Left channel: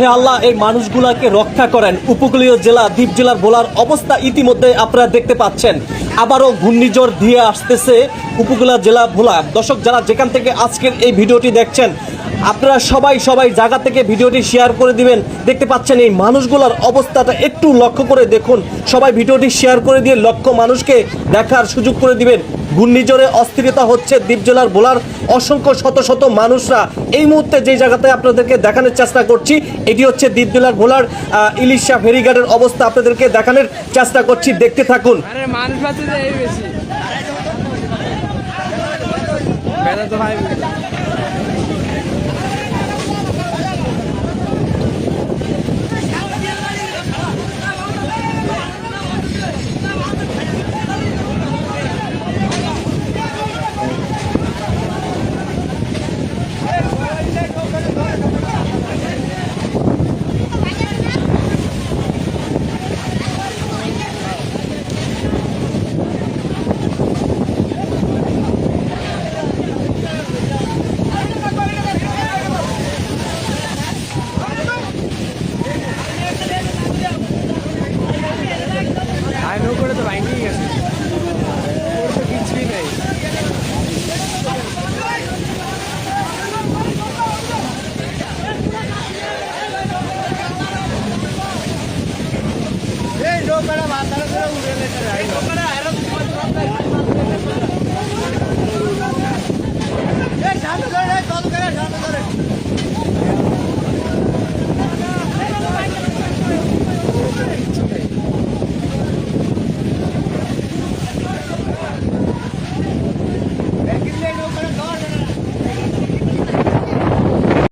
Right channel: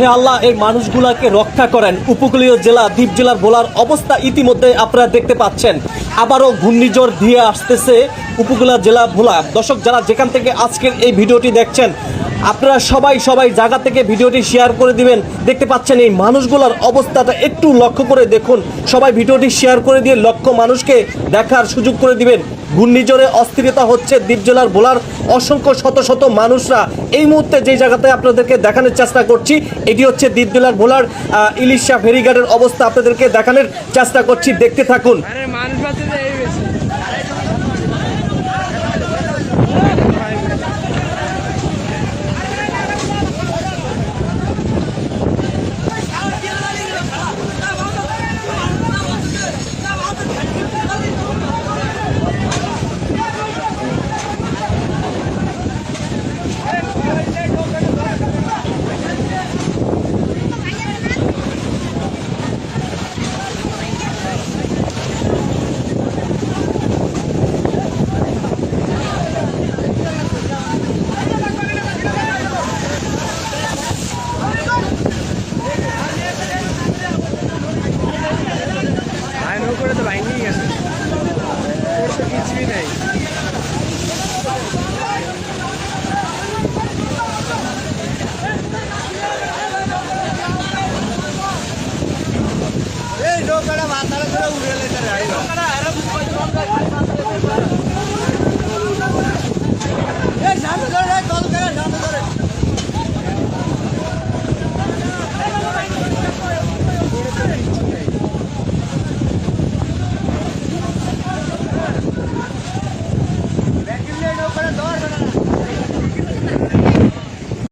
হে আল্লাহ, এই মানুষগুলাকে রক্ষা করেন। উপকূলীয় জেলা দ্বীপ জেলার ভোলার অবস্থা ইতিমধ্যে আপনারা দেখতে পাচ্ছেন। আবারও ঘূর্ণিঝড় দিয়ে আসতেছে উপকূলীয় জেলা ভোলা। দর্শক, যারা যেখান থেকে আজকের এই ভিডিওটি দেখছেন, আপনারা সবাই জায়গা থেকে ভিডিওটি শেয়ার করে দিবেন। দেখতে পাচ্ছেন এই মানুষগুলোর অবস্থাটা একটু লক্ষ্য করে দেখুন। সবাই ভিডিওটি শেয়ার করে দিয়ে লক্ষ মানুষকে দেখার সুযোগ করে দিবেন। ঘূর্ণিঝড়ে অস্থিরতা হচ্ছে দ্বীপ জেলার ভোলার অসংখ্য শত মানুষরা। এই মুহূর্তে যে জায়গাতে আপনাদেরকে দেখানোর চেষ্টা করছি, এটি হচ্ছে দ্বীপ জেলার ভোলার ইলিশা ফেরিঘাটের অবস্থা আপনাদেরকে দেখানোর চেষ্টা করছি। দেখতে থাকুন। করে তো লাইনিং আছে, ওর তো কিছুই নাই। এই লোকরা মাথায় করে উড়ে লেগে যায়।